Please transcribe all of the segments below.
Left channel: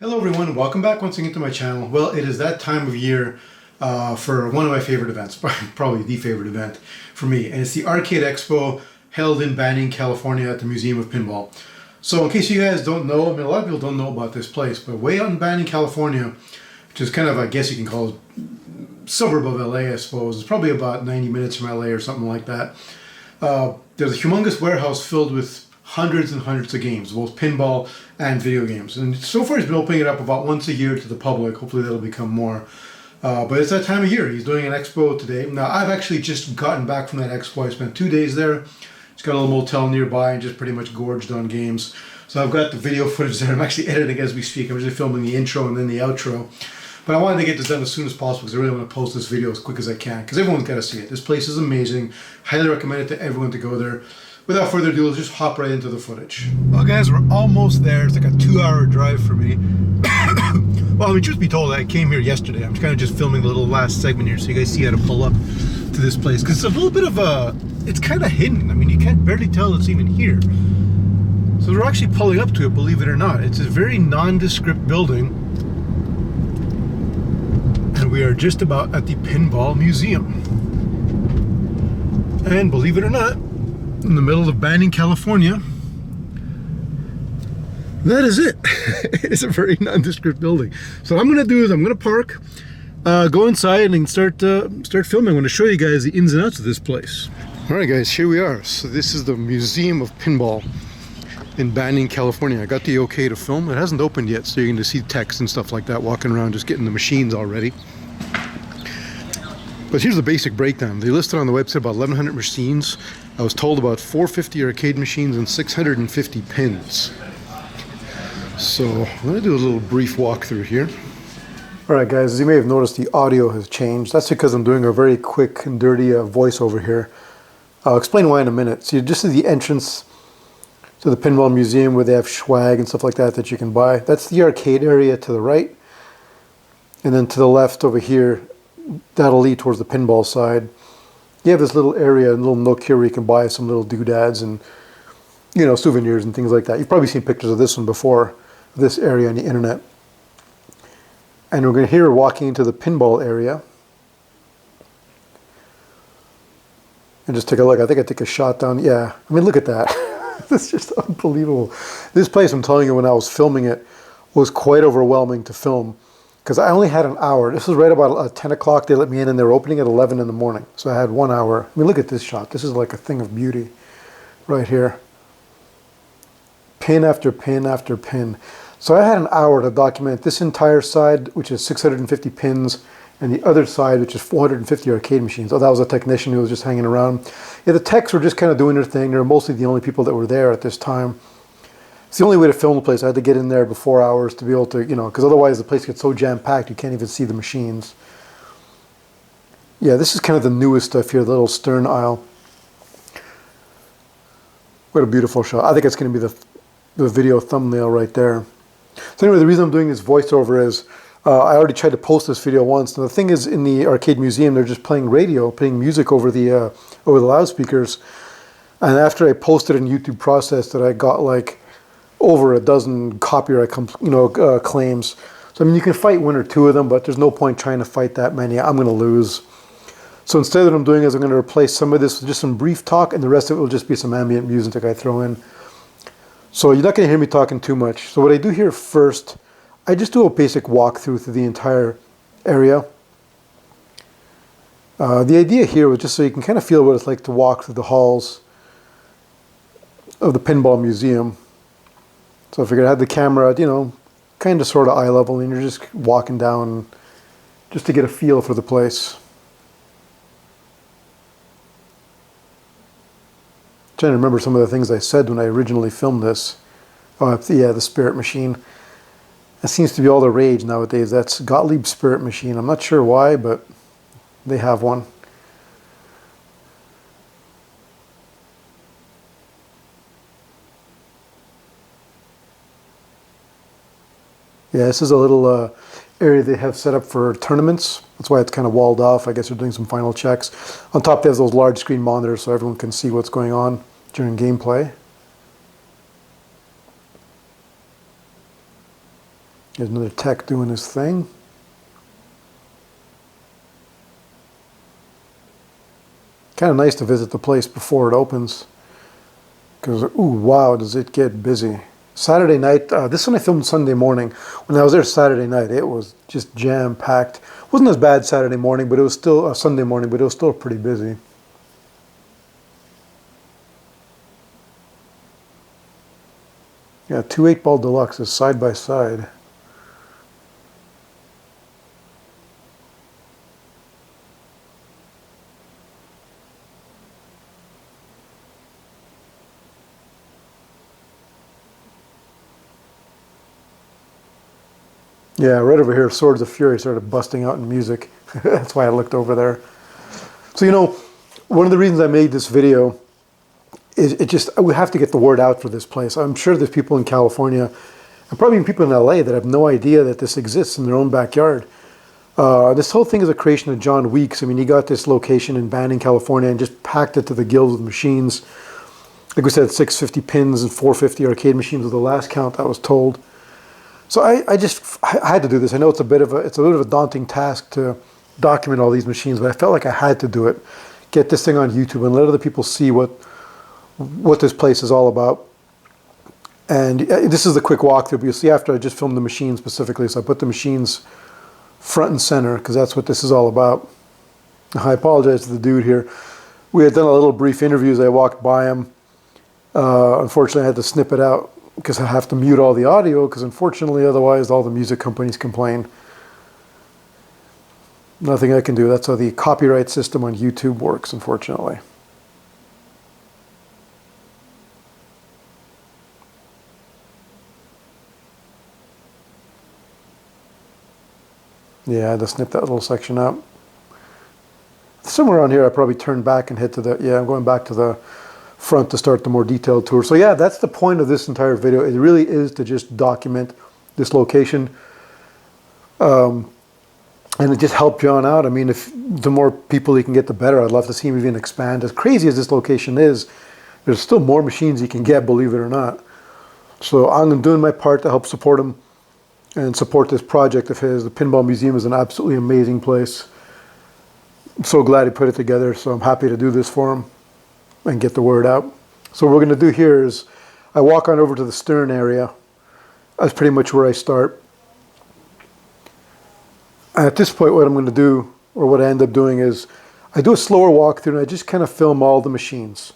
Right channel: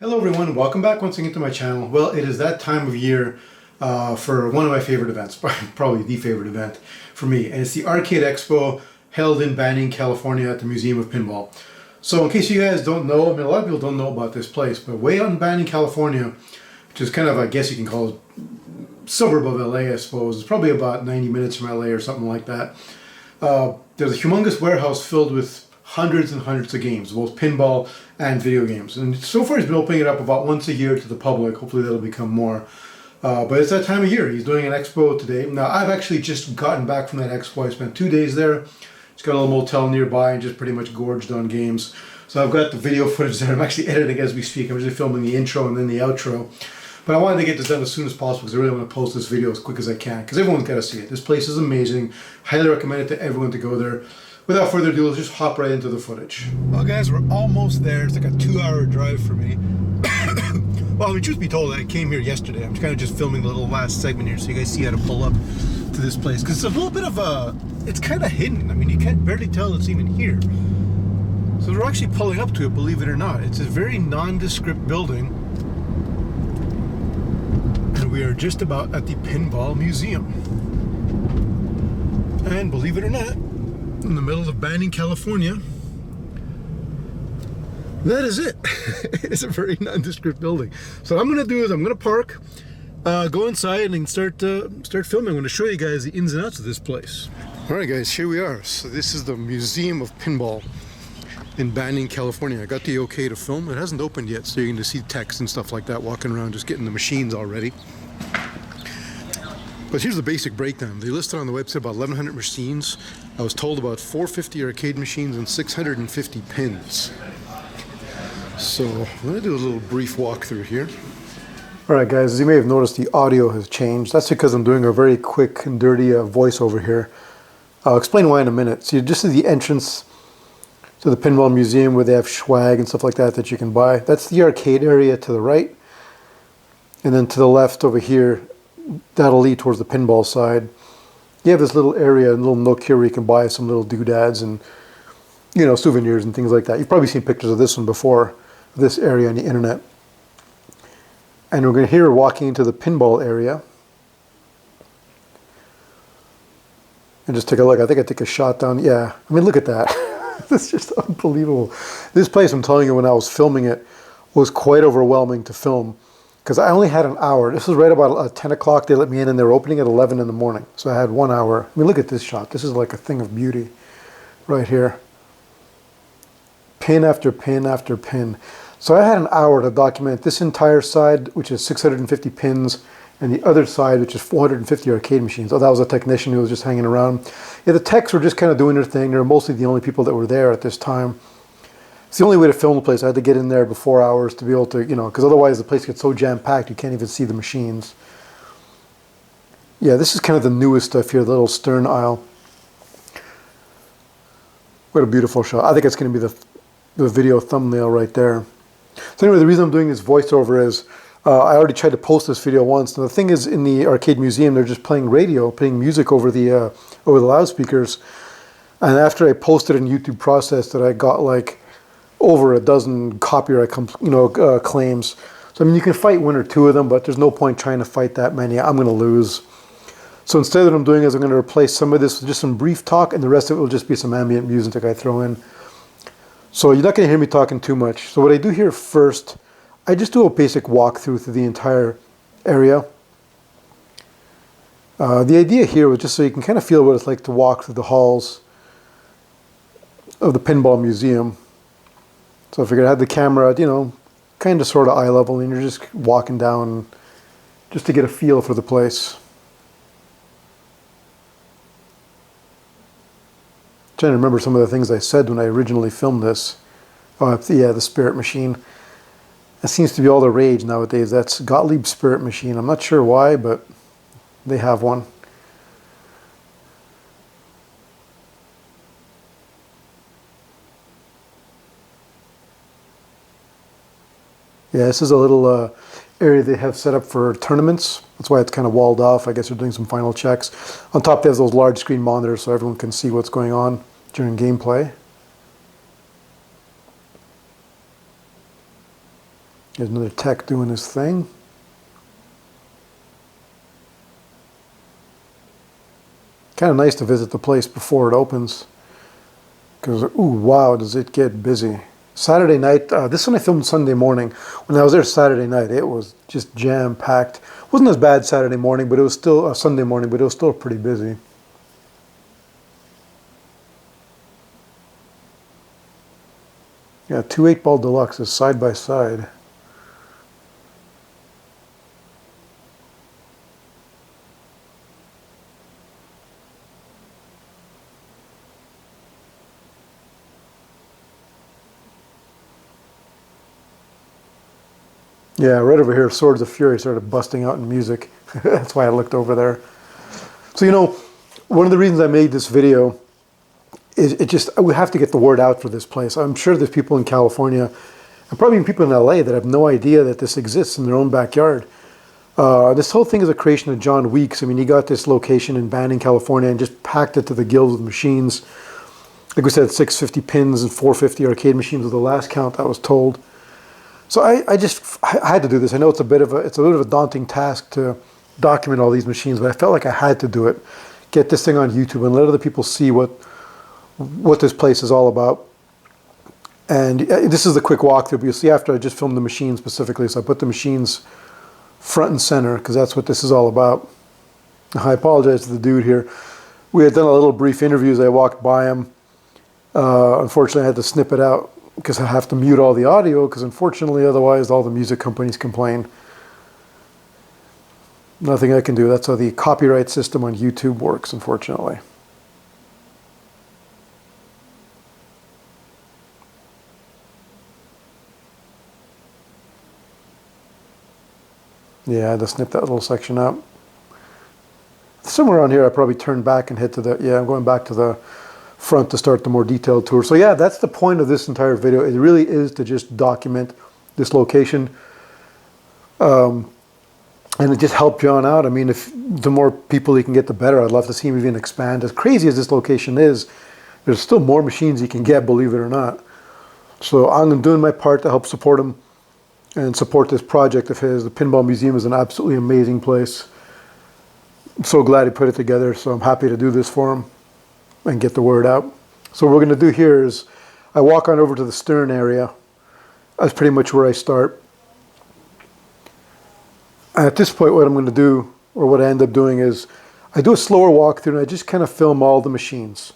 Hello everyone, welcome back once again to my channel. Well, it is that time of year for one of my favorite events, probably the favorite event for me, and it's the Arcade Expo held in Banning, California at the Museum of Pinball. So in case you guys don't know, I mean a lot of people don't know about this place, but way out in Banning, California, which is kind of, I guess you can call it suburb of LA, I suppose. It's probably about 90 minutes from LA or something like that. There's a humongous warehouse filled with hundreds and hundreds of games, both pinball and video games. And so far he's been opening it up about once a year to the public. Hopefully that'll become more. But it's that time of year. He's doing an expo today. Now I've actually just gotten back from that expo. I spent 2 days there. He's got a little motel nearby and just pretty much gorged on games. So I've got the video footage there. I'm actually editing as we speak. I'm just filming the intro and then the outro. But I wanted to get this done as soon as possible because I really want to post this video as quick as I can because everyone's got to see it. This place is amazing. Highly recommend it to everyone to go there. Without further ado, let's just hop right into the footage. Well guys, we're almost there. It's like a 2-hour drive for me. Well, I mean, truth be told, I came here yesterday. I'm kind of just filming the little last segment here so you guys see how to pull up to this place. Because it's a little bit of a, it's kind of hidden. I mean, you can't barely tell it's even here. So we're actually pulling up to it, believe it or not. It's a very nondescript building. And we are just about at the Pinball Museum. And believe it or not, in the middle of Banning, California, that is it. It's a very nondescript building. So what I'm going to do is I'm going to park, go inside and start filming. I'm going to show you guys the ins and outs of this place. All right, guys, here we are. So this is the Museum of Pinball in Banning, California. I got the okay to film. It hasn't opened yet, so you're going to see text and stuff like that walking around, just getting the machines all ready. But here's the basic breakdown. They listed on the website about 1,100 machines. I was told about 450 arcade machines and 650 pins. So I'm going to do a little brief walkthrough here. Alright guys, as you may have noticed, the audio has changed. That's because I'm doing a very quick and dirty voiceover here. I'll explain why in a minute. So just as the entrance to the Pinball Museum where they have swag and stuff like that that you can buy. That's the arcade area to the right. And then to the left over here, that'll lead towards the pinball side. You have this little area, a little nook here where you can buy some little doodads and, you know, souvenirs and things like that. You've probably seen pictures of this one before, this area on the internet. And we're going to here walking into the pinball area. And just take a look. I think I took a shot down. Yeah, I mean, look at that. This is just unbelievable. This place, I'm telling you, when I was filming it, was quite overwhelming to film. Because I only had an hour. This was right about 10 o'clock. They let me in and they were opening at 11 in the morning. So I had 1 hour. I mean, look at this shot. This is like a thing of beauty right here. Pin after pin after pin. So I had an hour to document this entire side, which is 650 pins, and the other side, which is 450 arcade machines. Oh, that was a technician who was just hanging around. Yeah, the techs were just kind of doing their thing. They were mostly the only people that were there at this time. It's the only way to film the place. I had to get in there before hours to be able to, you know, because otherwise the place gets so jam-packed you can't even see the machines. Yeah, this is kind of the newest stuff here, the little stern aisle. What a beautiful shot. I think it's going to be the video thumbnail right there. So anyway, the reason I'm doing this voiceover is I already tried to post this video once. And the thing is, in the arcade museum, they're just playing radio, playing music over the loudspeakers. And after I posted in YouTube Process that I got like over a dozen copyright claims. So I mean, you can fight 1 or 2 of them, but there's no point trying to fight that many. I'm going to lose. So instead what I'm doing is I'm going to replace some of this with just some brief talk, and the rest of it will just be some ambient music that I throw in. So you're not going to hear me talking too much. So what I do here first, I just do a basic walkthrough through the entire area. The idea here was just so you can kind of feel what it's like to walk through the halls of the Pinball Museum. So I figured I had the camera at, you know, kind of sort of eye level, and you're just walking down just to get a feel for the place. Trying to remember some of the things I said when I originally filmed this. Oh, yeah, the Spirit Machine. That seems to be all the rage nowadays. That's Gottlieb's Spirit Machine. I'm not sure why, but they have one. Yeah, this is a little area they have set up for tournaments. That's why it's kind of walled off. I guess they're doing some final checks. On top, there's those large screen monitors so everyone can see what's going on during gameplay. Here's another tech doing his thing. Kind of nice to visit the place before it opens. Because, ooh, wow, does it get busy. Saturday night, this one I filmed Sunday morning. When I was there Saturday night, it was just jam-packed. Wasn't as bad Saturday morning, but it was still Sunday morning, but it was still pretty busy. Yeah, 2 8-ball deluxes side by side. Yeah, right over here, Swords of Fury started busting out in music. That's why I looked over there. So, you know, one of the reasons I made this video is we have to get the word out for this place. I'm sure there's people in California, and probably even people in LA, that have no idea that this exists in their own backyard. This whole thing is a creation of John Weeks. I mean, he got this location in Banning, California, and just packed it to the gills with machines. Like we said, 650 pins and 450 arcade machines was the last count I was told. So I had to do this. I know it's a bit of a daunting task to document all these machines, but I felt like I had to do it. Get this thing on YouTube and let other people see what this place is all about. And this is the quick walkthrough, but you'll see after I just filmed the machines specifically, so I put the machines front and center because that's what this is all about. I apologize to the dude here. We had done a little brief interview as I walked by him. Unfortunately, I had to snip it out because I have to mute all the audio because unfortunately otherwise all the music companies complain. Nothing I can do. That's how the copyright system on YouTube works, unfortunately. Yeah, I had to snip that little section out. Somewhere on here I probably turned back and hit to the, yeah, I'm going back to the front to start the more detailed tour. So yeah, that's the point of this entire video. It really is to just document this location. And it just helped John out. I mean, if the more people he can get, the better. I'd love to see him even expand. As crazy as this location is, there's still more machines he can get, believe it or not. So I'm doing my part to help support him and support this project of his. The Pinball Museum is an absolutely amazing place. I'm so glad he put it together, so I'm happy to do this for him and get the word out. So what we're going to do here is I walk on over to the stern area. That's pretty much where I start. And at this point, what I'm going to do, or what I end up doing, is I do a slower walkthrough and I just kind of film all the machines.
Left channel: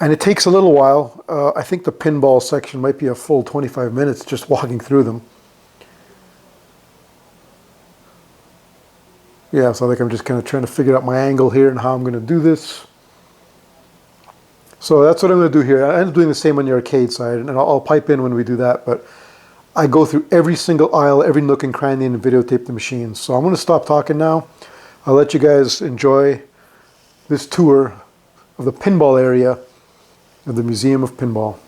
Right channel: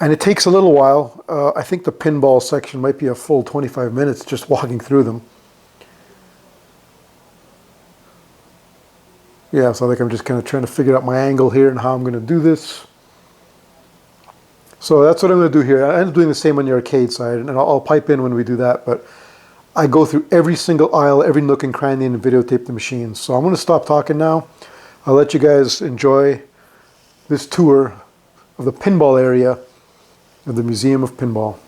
And it takes a little while. I think the pinball section might be a full 25 minutes just walking through them. Yeah, so I think I'm just kind of trying to figure out my angle here and how I'm going to do this. So that's what I'm going to do here. I end up doing the same on the arcade side, and I'll pipe in when we do that. But I go through every single aisle, every nook and cranny, and videotape the machines. So I'm going to stop talking now. I'll let you guys enjoy this tour of the pinball area of the Museum of Pinball.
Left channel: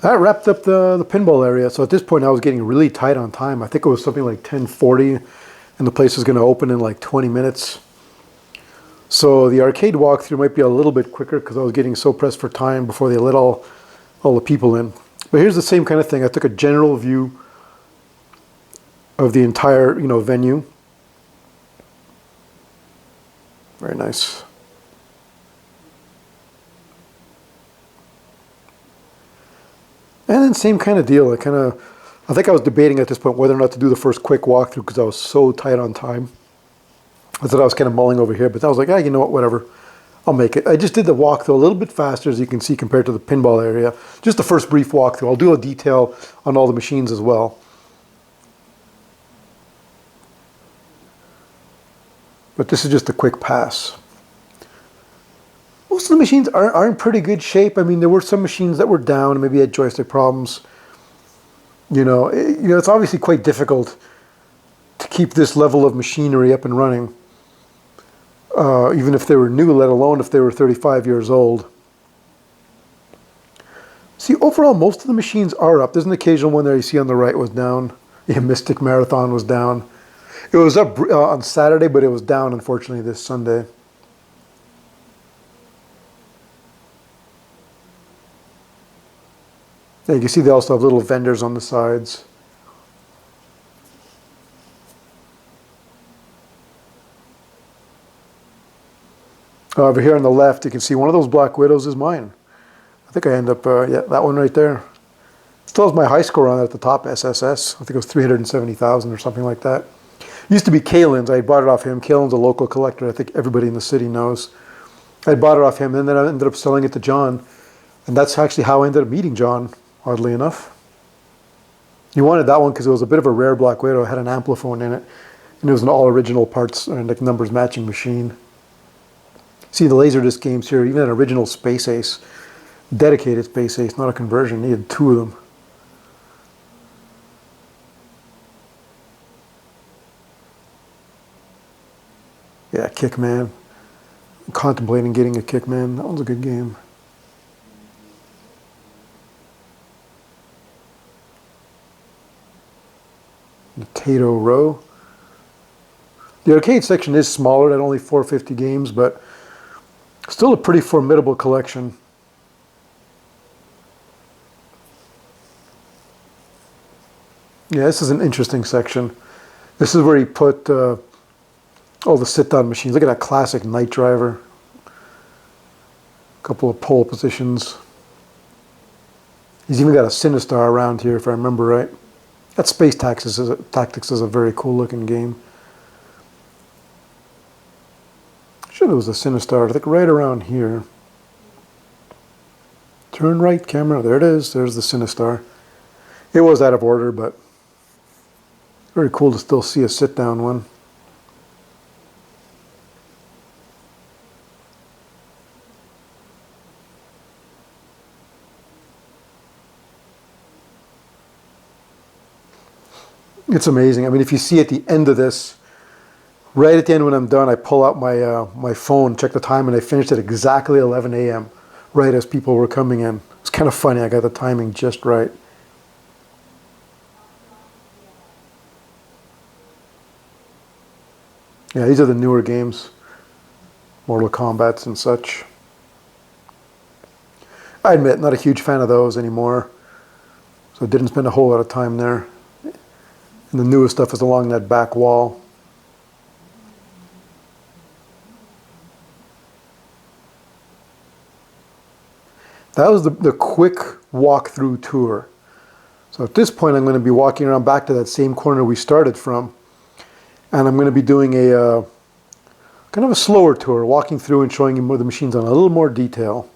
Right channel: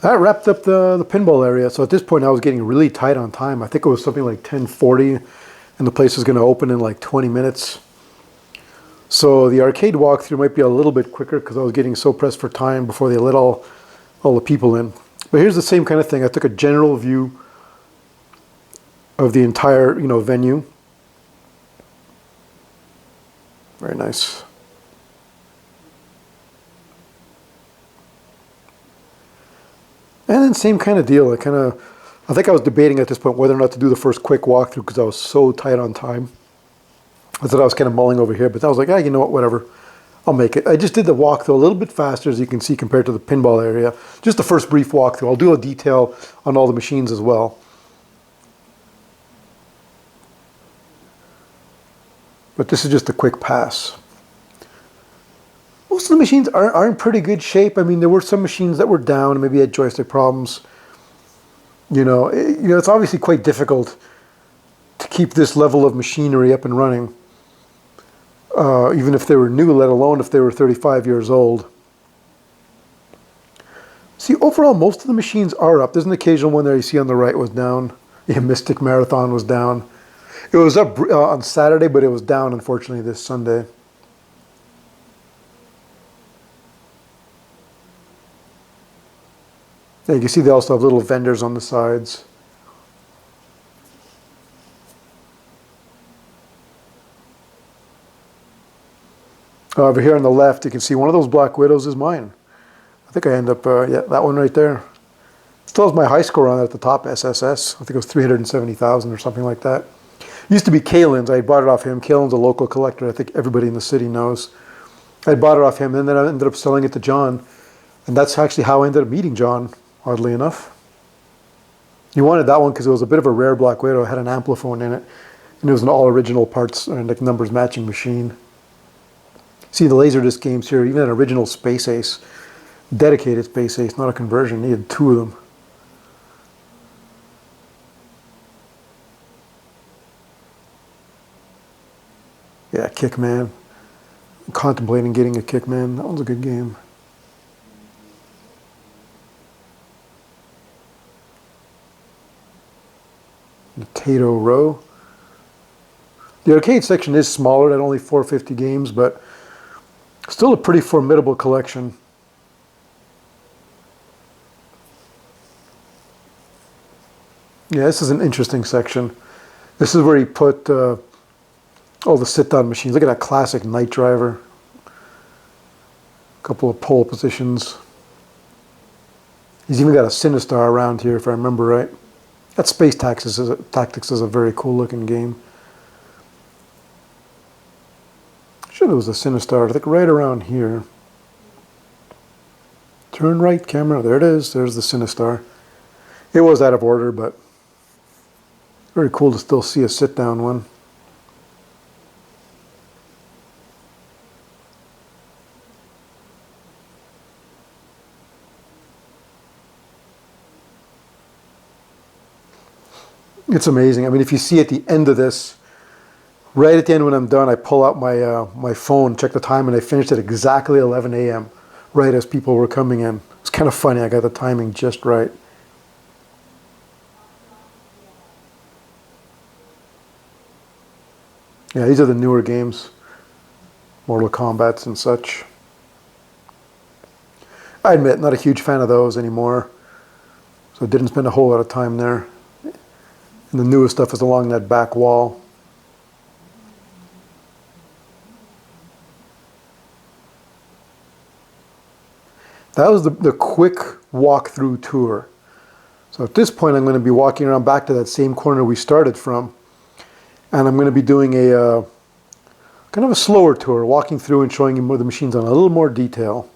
That wrapped up the pinball area. So at this point, I was getting really tight on time. I think it was something like 10:40, and the place was going to open in like 20 minutes. So the arcade walkthrough might be a little bit quicker because I was getting so pressed for time before they let all the people in. But here's the same kind of thing. I took a general view of the entire, venue. Very nice. And then same kind of deal. I think I was debating at this point whether or not to do the first quick walkthrough because I was so tight on time. I thought I was kind of mulling over here, but I was like, you know what, whatever. I'll make it. I just did the walkthrough a little bit faster, as you can see, compared to the pinball area. Just the first brief walkthrough. I'll do a detail on all the machines as well. But this is just a quick pass. Most of the machines are in pretty good shape. I mean, there were some machines that were down and maybe had joystick problems. It's obviously quite difficult to keep this level of machinery up and running, even if they were new, let alone if they were 35 years old. See, overall, most of the machines are up. There's an occasional one there you see on the right was down. Yeah, Mystic Marathon was down. It was up on Saturday, but it was down, unfortunately, this Sunday. Yeah, you can see they also have little vendors on the sides. Over here on the left, you can see one of those Black Widows is mine. I think I end up, yeah, that one right there. Still has my high score on it at the top, SSS. I think it was 370,000 or something like that. Used to be Kalen's. I bought it off him. Kalen's a local collector. I think everybody in the city knows. I bought it off him, and then I ended up selling it to John. And that's actually how I ended up meeting John, oddly enough. He wanted that one because it was a bit of a rare Black Widow. It had an ampliphone in it. And it was an all original parts and like numbers matching machine. See the Laserdisc games here, even an original Space Ace. Dedicated Space Ace, not a conversion. He had two of them. Yeah, Kickman. I'm contemplating getting a Kickman. That one's a good game. The Tato Row. The arcade section is smaller at only 450 games, but still a pretty formidable collection. Yeah, this is an interesting section. This is where he put all the sit-down machines. Look at that classic Night Driver. A couple of pole positions. He's even got a Sinistar around here, if I remember right. That Space Tactics is a very cool looking game. Sure, it was a Sinistar, I think right around here. Turn right, camera. There it is. There's the Sinistar. It was out of order, but very cool to still see a sit-down one. It's amazing. I mean, if you see at the end of this, right at the end when I'm done, I pull out my phone, check the time, and I finished at exactly 11 a.m., right as people were coming in. It's kind of funny. I got the timing just right. Yeah, these are the newer games. Mortal Kombats and such. I admit, not a huge fan of those anymore. So I didn't spend a whole lot of time there. And the newest stuff is along that back wall. That was the quick walk-through tour. So at this point, I'm going to be walking around back to that same corner we started from. And I'm going to be doing a kind of a slower tour, walking through and showing you more of the machines on a little more detail.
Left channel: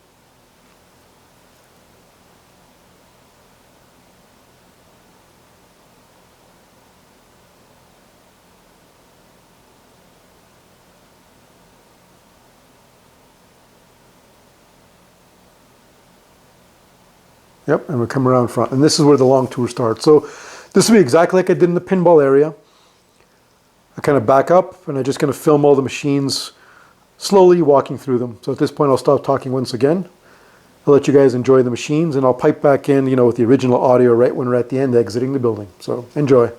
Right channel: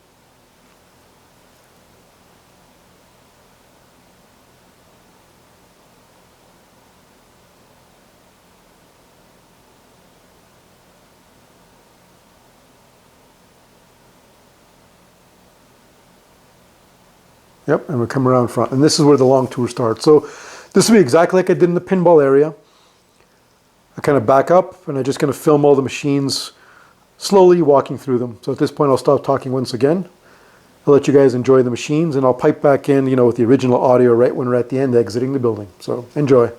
Yep, and we'll come around front. And this is where the long tour starts. So this will be exactly like I did in the pinball area. I kind of back up and I'm just going to film all the machines slowly walking through them. So at this point I'll stop talking once again I'll let you guys enjoy the machines, and I'll pipe back in, you know, with the original audio right when we're at the end exiting the building. So enjoy.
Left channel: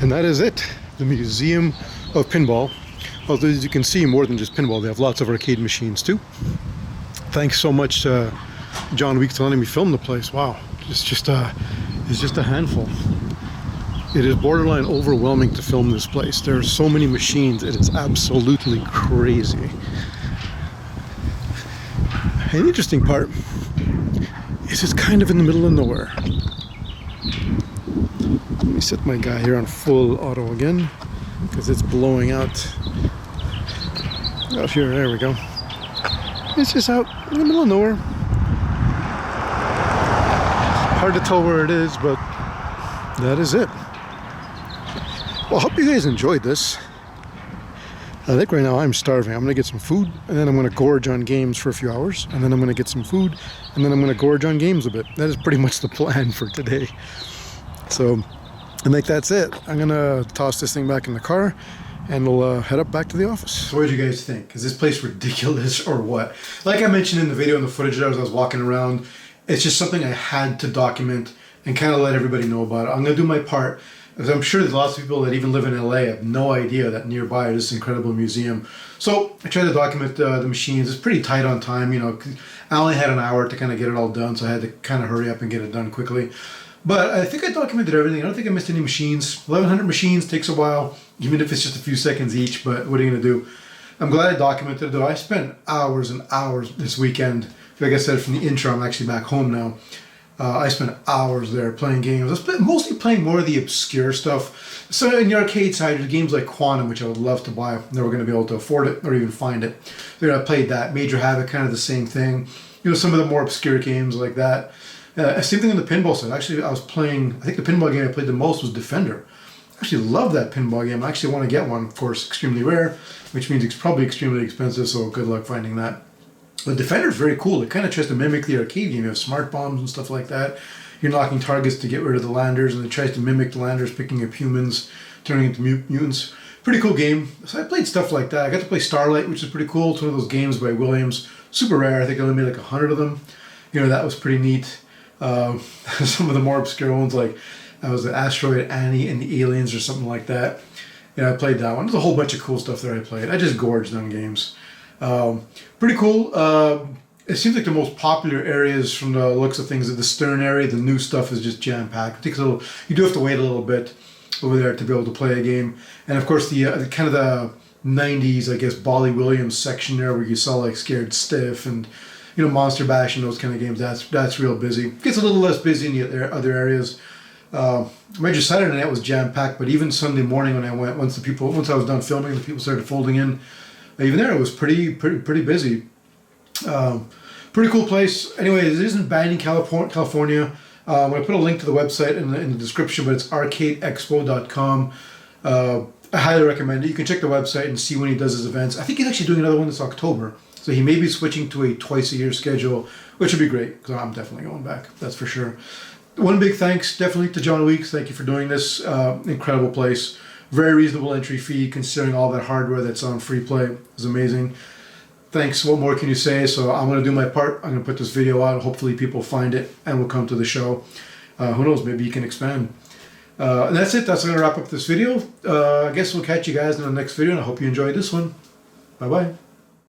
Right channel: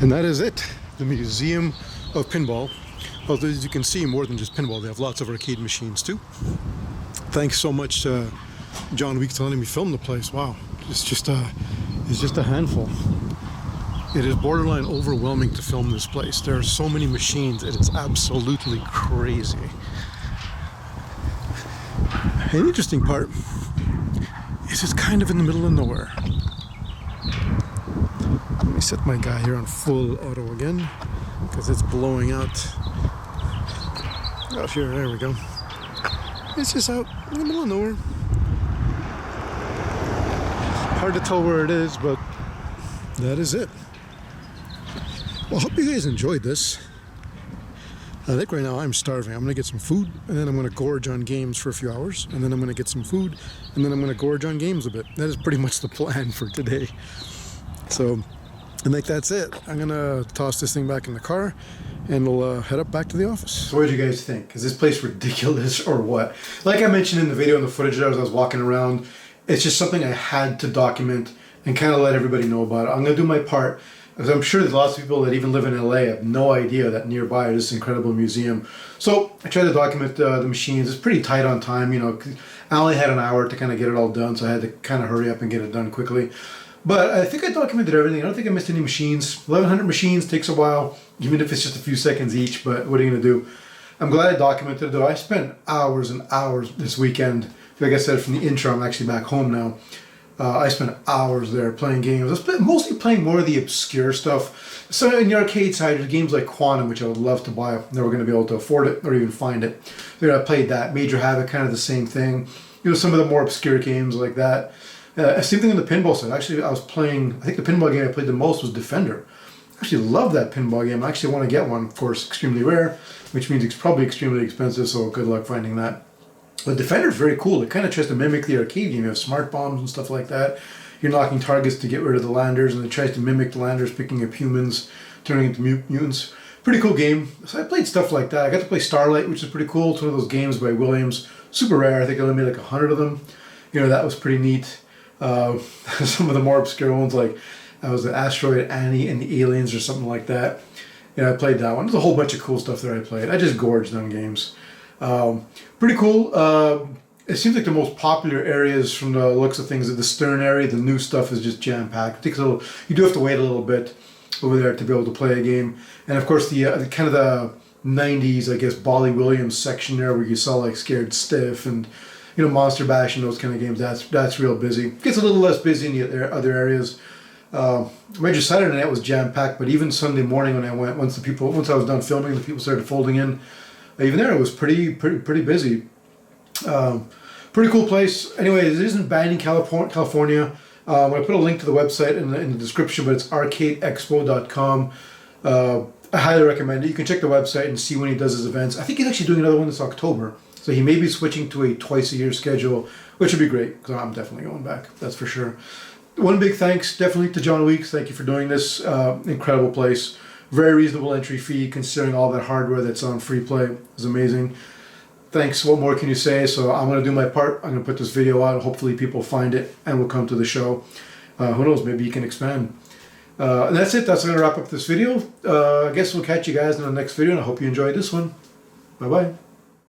And that is it, the Museum of Pinball. Although as you can see, more than just pinball, they have lots of arcade machines too. Thanks so much, John Weeks, for letting me film the place. Wow, it's just a handful. It is borderline overwhelming to film this place. There are so many machines, it is absolutely crazy. An interesting part is it's kind of in the middle of nowhere. Let me set my guy here on full auto again, because it's blowing out. Oh, here, there we go. It's just out in the middle of nowhere. Hard to tell where it is, but that is it. Well, I hope you guys enjoyed this. I think right now I'm starving. I'm gonna get some food, and then I'm gonna gorge on games for a few hours, and then I'm gonna get some food, and then I'm gonna gorge on games a bit. That is pretty much the plan for today. So I think that's it. I'm gonna toss this thing back in the car, and we'll head up back to the office. So what did you guys think? Is this place ridiculous or what? Like I mentioned in the video and the footage as I was walking around, it's just something I had to document and kind of let everybody know about it. I'm gonna do my part, because I'm sure there's lots of people that even live in LA have no idea that nearby is this incredible museum. So I tried to document the machines. It's pretty tight on time, you know. I only had an hour to kind of get it all done, so I had to kind of hurry up and get it done quickly. But I think I documented everything. I don't think I missed any machines. 1,100 machines takes a while, even if it's just a few seconds each, but what are you gonna do? I'm glad I documented it though. I spent hours and hours this weekend. Like I said from the intro, I'm actually back home now. I spent hours there playing games. I was mostly playing more of the obscure stuff. So in the arcade side, there's games like Quantum, which I would love to buy. Never going to be able to afford it or even find it. So I played that. Major Havoc, kind of the same thing. You know, some of the more obscure games like that. Same thing on the pinball side. Actually, I think the pinball game I played the most was Defender. I actually love that pinball game. I actually want to get one, of course, extremely rare, which means it's probably extremely expensive, so good luck finding that. But Defender is very cool. It kind of tries to mimic the arcade game. You have smart bombs and stuff like that. You're knocking targets to get rid of the landers, and it tries to mimic the landers, picking up humans, turning into mutants. Pretty cool game. So I played stuff like that. I got to play Starlight, which is pretty cool. It's one of those games by Williams. Super rare. I think I only made like 100 of them. You know, that was pretty neat. Some of the more obscure ones, like I was the Asteroid Annie and the Aliens or something like that. Yeah, I played that one. There's a whole bunch of cool stuff there I played. I just gorged on games. Pretty cool. It seems like the most popular areas from the looks of things are the Stern area. The new stuff is just jam-packed. It takes a little, you do have to wait a little bit over there to be able to play a game. And of course the kind of the 90s, I guess, Bolly Williams section there where you saw like Scared Stiff and, you know, Monster Bash and those kind of games. That's real busy. It gets a little less busy in the other areas. Major Saturday night was jam-packed, but even Sunday morning when I went, once I was done filming, the people started folding in. Even there, it was pretty busy. Pretty cool place. Anyway, it is in Banning, California. I'm going to put a link to the website in the description, but it's arcadeexpo.com. I highly recommend it. You can check the website and see when he does his events. I think he's actually doing another one this October. So he may be switching to a twice-a-year schedule, which would be great, because I'm definitely going back, that's for sure. One big thanks, definitely, to John Weeks. Thank you for doing this. Incredible place. Very reasonable entry fee, considering all that hardware that's on free play. It's amazing. Thanks. What more can you say? So I'm going to do my part. I'm going to put this video out. Hopefully people find it and will come to the show. Who knows? Maybe you can expand. And that's it. That's going to wrap up this video. I guess we'll catch you guys in the next video, and I hope you enjoyed this one. Bye-bye.